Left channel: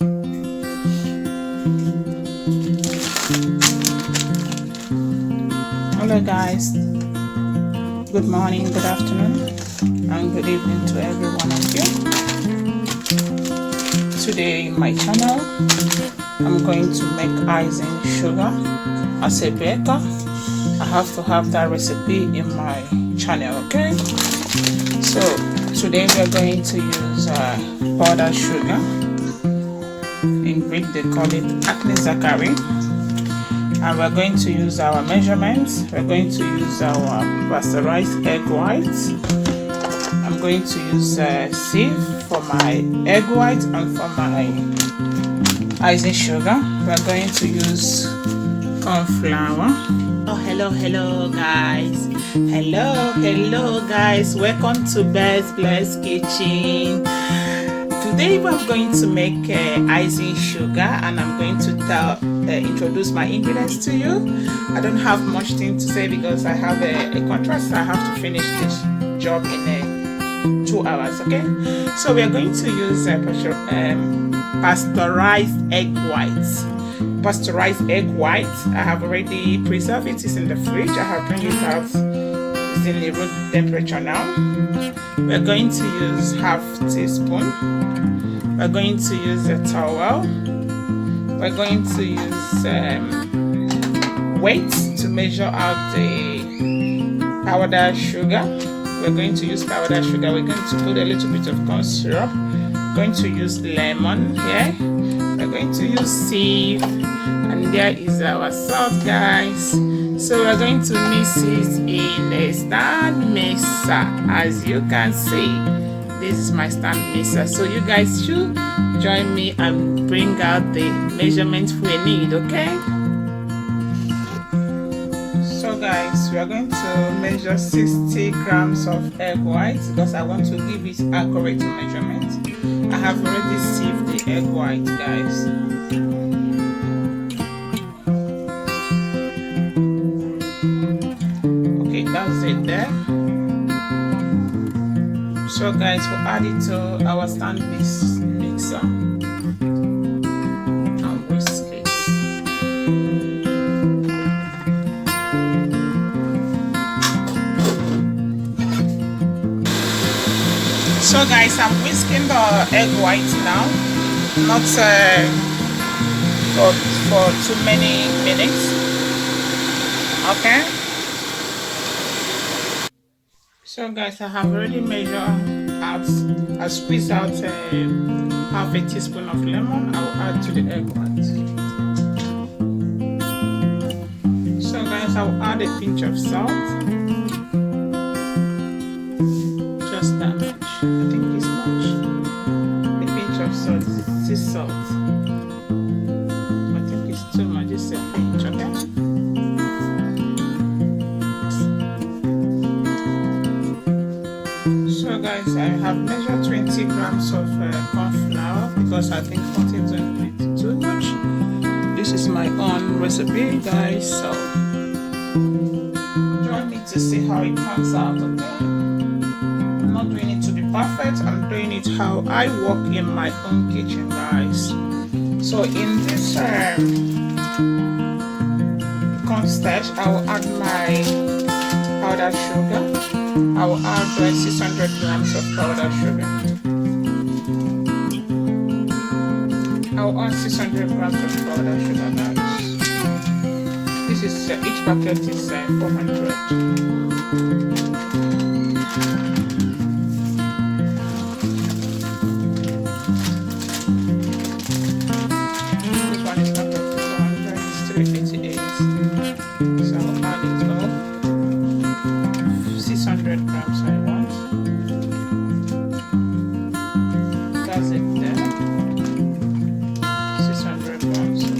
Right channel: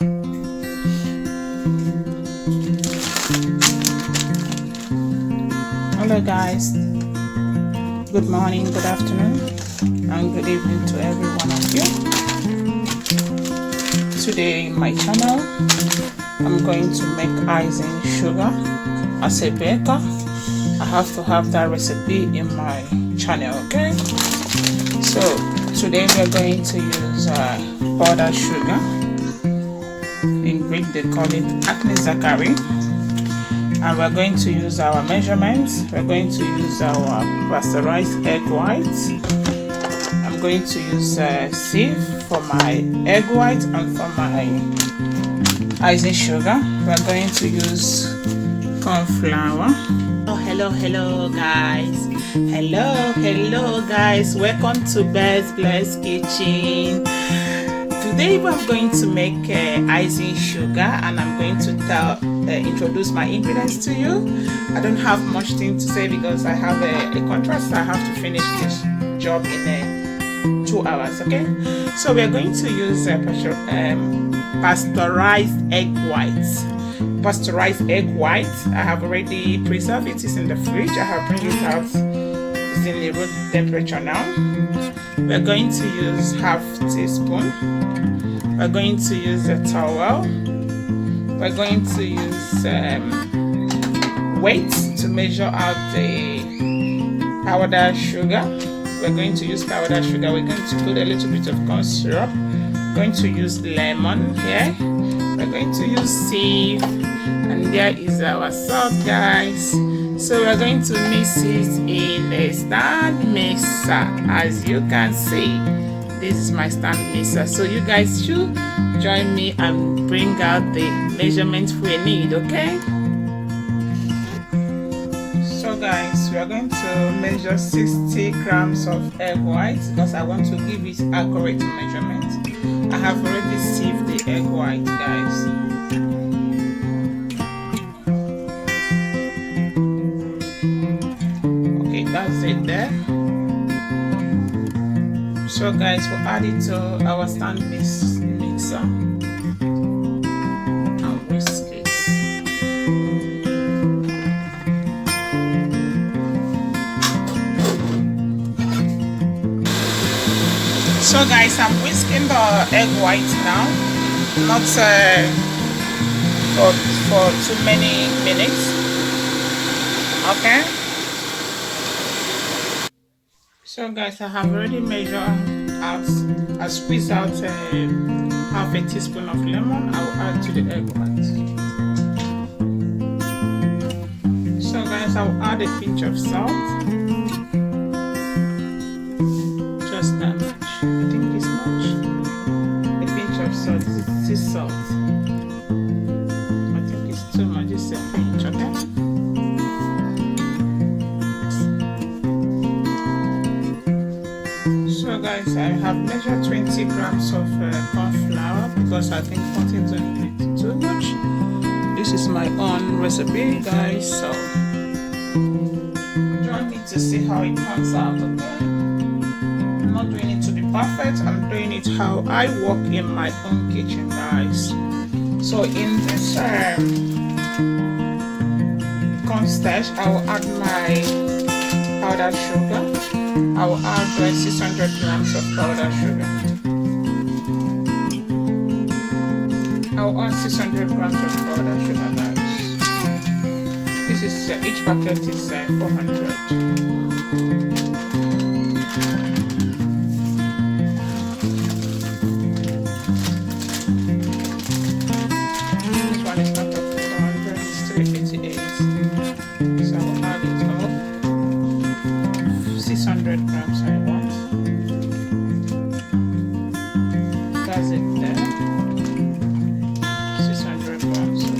Hello guys, good morning, good afternoon, and good evening to every one of you. Today in my channel, I'm going to make icing sugar as a baker. I have to have that recipe in my channel, okay? So today we're going to use powdered sugar. In Greek they call it acne zachary. And we're going to use our measurements. We're going to use our pasteurized egg whites. I'm going to use sieve for my egg white and for my icing sugar. We're going to use corn flour. Oh, hello guys. Hello guys. Welcome to BESTBLESS kitchen. Today we're going to make icing sugar, and I'm going to introduce my ingredients to you. I don't have much thing to say because I have a contract, so I have to finish this job in 2 hours, okay? So we are going to use pasteurized egg whites. Pasteurized egg whites, I have already preserved it. It's in the fridge. I have bring it out. It's in the room temperature now. We're going to use half teaspoon. We're going to use a towel. We're going to use weight to measure out the powdered sugar. We're going to use powdered sugar. We're going to put a little bit of corn syrup. We're going to use lemon here. We're going to use sieve, and there is our salt, guys. So we're going to mix it in a stand mixer. As you can see, this is my stand mixer. So you guys should join me and bring out the measurements we need, okay? So guys, we are going to measure 60 grams of egg whites because I want to give it accurate measurement. I have already sieved the egg white, guys. Okay, that's it there. So guys, we'll add it to our stand mixer and whisk it. So guys, I'm whisking the egg white now, not for too many minutes, okay? So guys, I have already measured out, I squeezed out half a teaspoon of lemon. I will add to the egg white. So guys, I will add a pinch of salt. Just that much. I think this much. A pinch of salt, sea salt. I think it's too much, it's a pinch, okay? So guys, I have measured 20 grams of corn flour because I think contains a bit too much. This is my own recipe, guys, so join me to see how it comes out, okay? I'm not doing it to be perfect, I'm doing it how I work in my own kitchen, guys. So in this corn starch, I will add my powdered sugar. I will add 600 grams of powdered sugar. I will add 600 grams of powdered sugar, guys. This is each packet is 400. This one is not 400, it's 388. So I'll add it all. 600 grams I want. That's it there. 600 grams of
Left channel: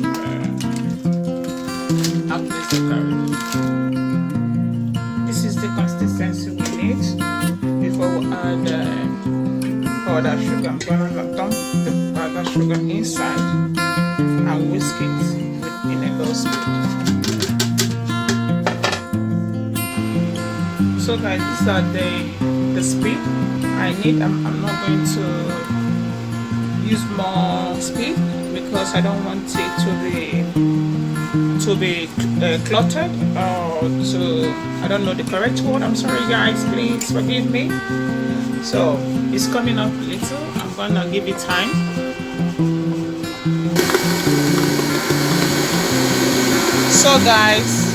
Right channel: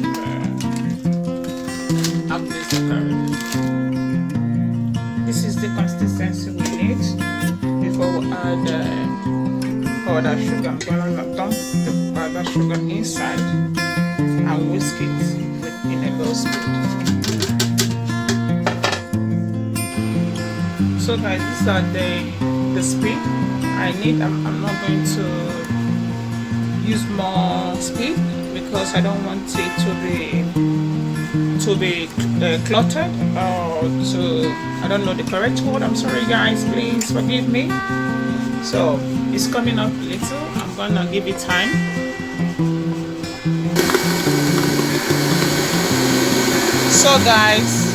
acne zachary. This is the consistency we need before we add powdered sugar. I'm going to dump the powdered sugar inside and whisk it in a low speed. So guys, these are the speed I need. I'm not going to use more speed because I don't want it to be cluttered, or to, I don't know the correct word. I'm sorry guys, please forgive me. So it's coming up a little. I'm gonna give it time. So guys,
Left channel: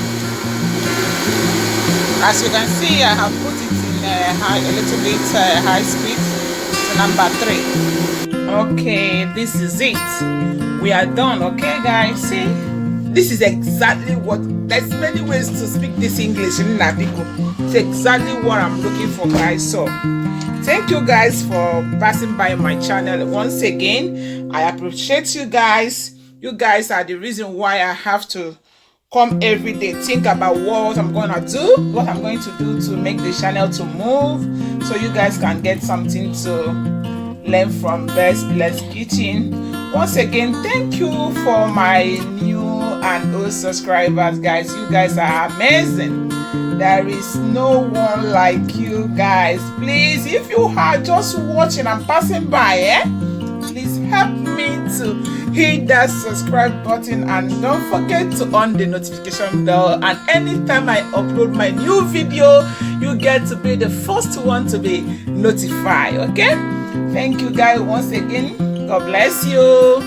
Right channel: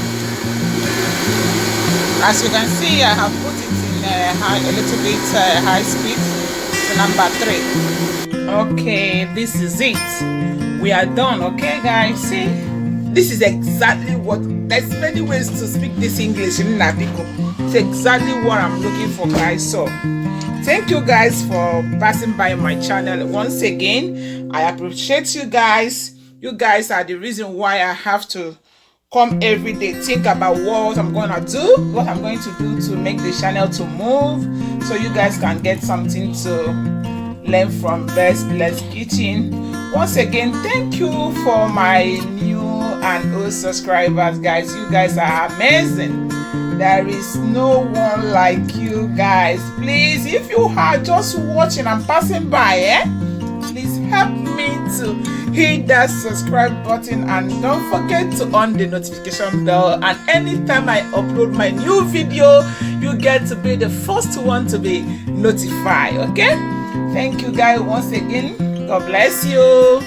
as you can see, I have put it in a little bit high speed to number 3. Okay, this is it. We are done. Okay guys, see, this is exactly what, there's many ways to speak this English in Nabiku. It's exactly what I'm looking for guys. So thank you guys for passing by my channel once again. I appreciate you guys. You guys are the reason why I have to come every day, think about what I'm going to do to make the channel to move, so you guys can get something to learn from Best Bless Kitchen. Once again, thank you for my new and old subscribers guys. You guys are amazing. There is no one like you guys. Please, if you are just watching and passing by, please help me to hit that subscribe button, and don't forget to on the notification bell, and anytime I upload my new video, you get to be the first one to be notified. Okay, thank you guys once again. God bless you.